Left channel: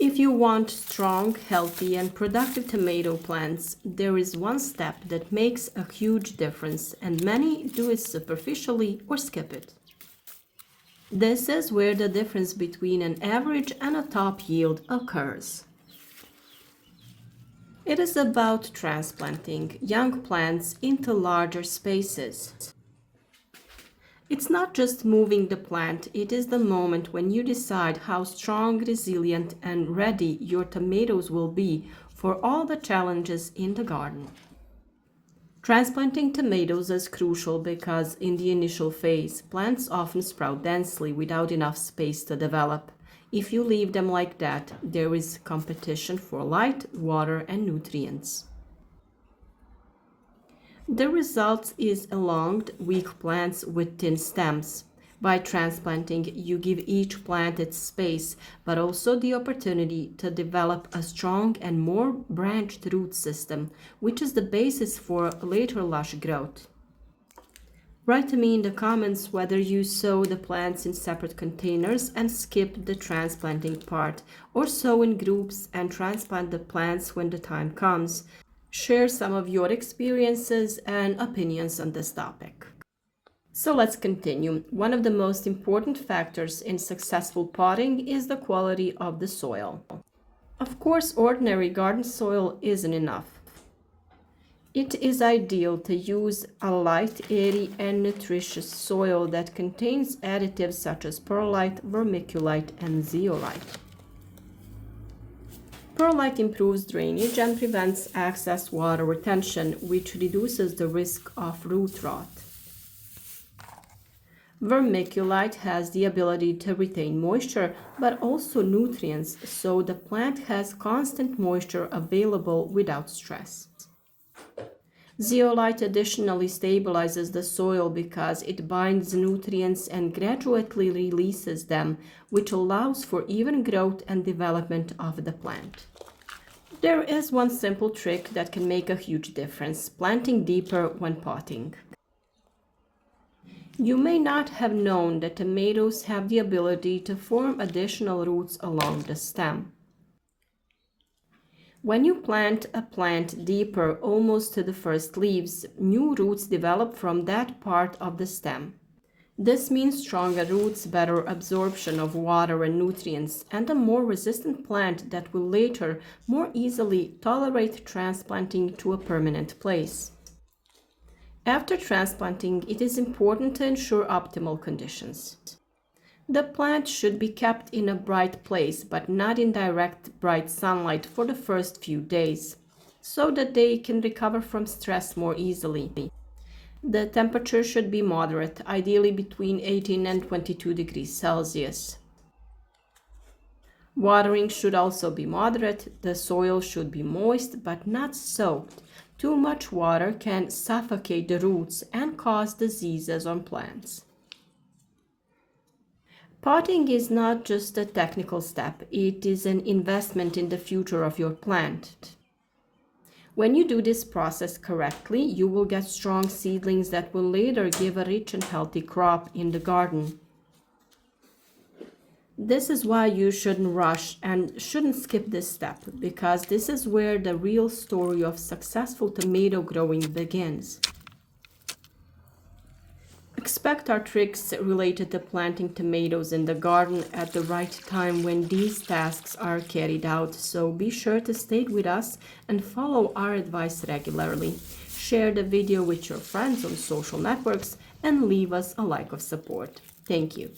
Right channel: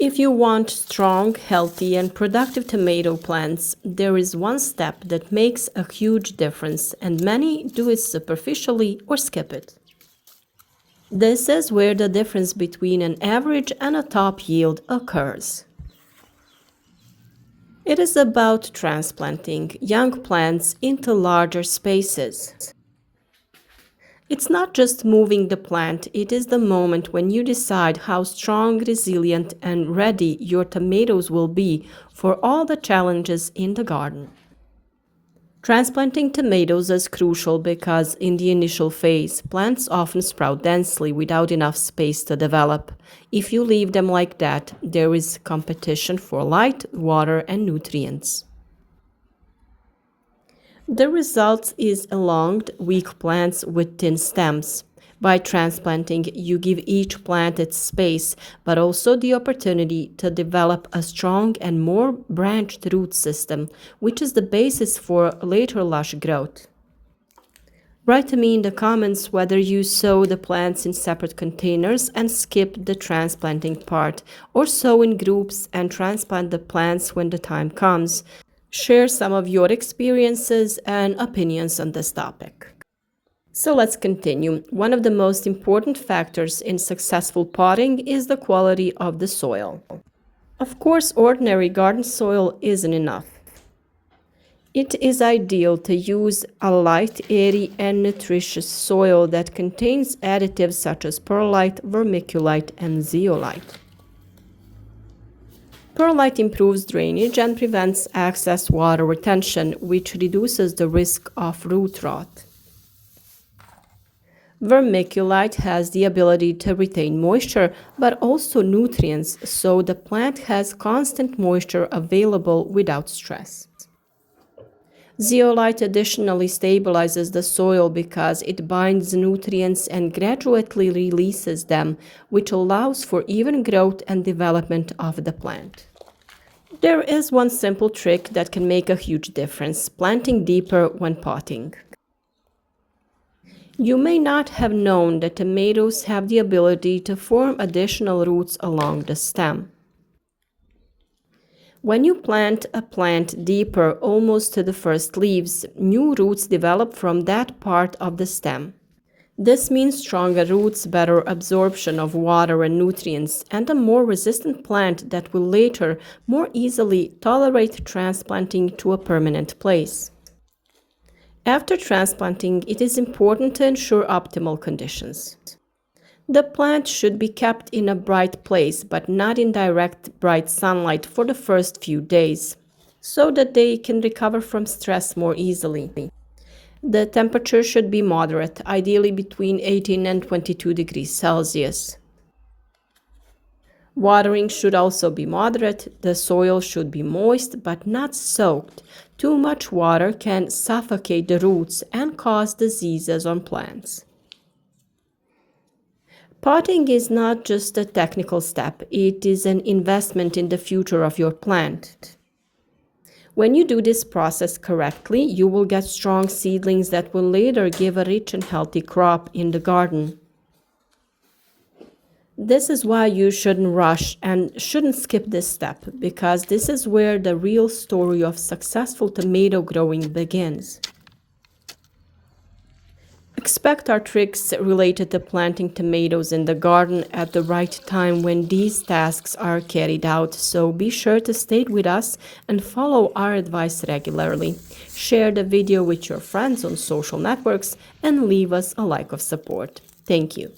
If you want strong, healthy, and productive tomato plants, there is one step that makes a huge difference, and many do it superficially or skip it. This is where the difference between an average and a top yield occurs. It is about transplanting young plants into larger spaces. It's not just moving the plant, it is the moment when you decide how strong, resilient, and ready your tomatoes will be for all the challenges in the garden. Transplanting tomatoes is crucial because in the initial phase, plants often sprout densely without enough space to develop. If you leave them like that, there is competition for light, water, and nutrients. The result is elonged, weak plants with thin stems. By transplanting, you give each plant its space, but also the opportunity to develop a strong and more branched root system, which is the basis for later lush growth. Write to me in the comments whether you sow the plants in separate containers and skip the transplanting part, or sow in groups and transplant the plants when the time comes. Share some of your experiences and opinions on this topic. So let's continue. One of the most important factors in successful potting is the quality of the soil. Of course, ordinary garden soil isn't enough. It is ideal to use a light, airy, and nutritious soil that contains additives such as perlite, vermiculite, and zeolite. Perlite improves drainage and prevents excess water retention, which reduces the risk of root rot. Vermiculite has the ability to retain moisture, but also nutrients, so the plant has constant moisture available without stress. Zeolite additionally stabilizes the soil because it binds nutrients and gradually releases them, which allows for even growth and development of the plant. There is one simple trick that can make a huge difference: planting deeper when potting. You may not have known that tomatoes have the ability to form additional roots along the stem. When you plant a plant deeper, almost to the first leaves, new roots develop from that part of the stem. This means stronger roots, better absorption of water and nutrients, and a more resistant plant that will later more easily tolerate transplanting to a permanent place. After transplanting, it is important to ensure optimal conditions. The plant should be kept in a bright place, but not in direct bright sunlight for the first few days, so that they can recover from stress more easily. The temperature should be moderate, ideally between 18 and 22 degrees Celsius. Watering should also be moderate. The soil should be moist but not soaked. Too much water can suffocate the roots and cause diseases on plants. Potting is not just a technical step, it is an investment in the future of your plant. When you do this process correctly, you will get strong seedlings that will later give a rich and healthy crop in the garden. This is why you shouldn't rush and shouldn't skip this step, because this is where the real story of successful tomato growing begins. Expect our tricks related to planting tomatoes in the garden at the right time when these tasks are carried out, so be sure to stay with us and follow our advice regularly. Share the video with your friends on social networks and leave us a like of support. Thank you.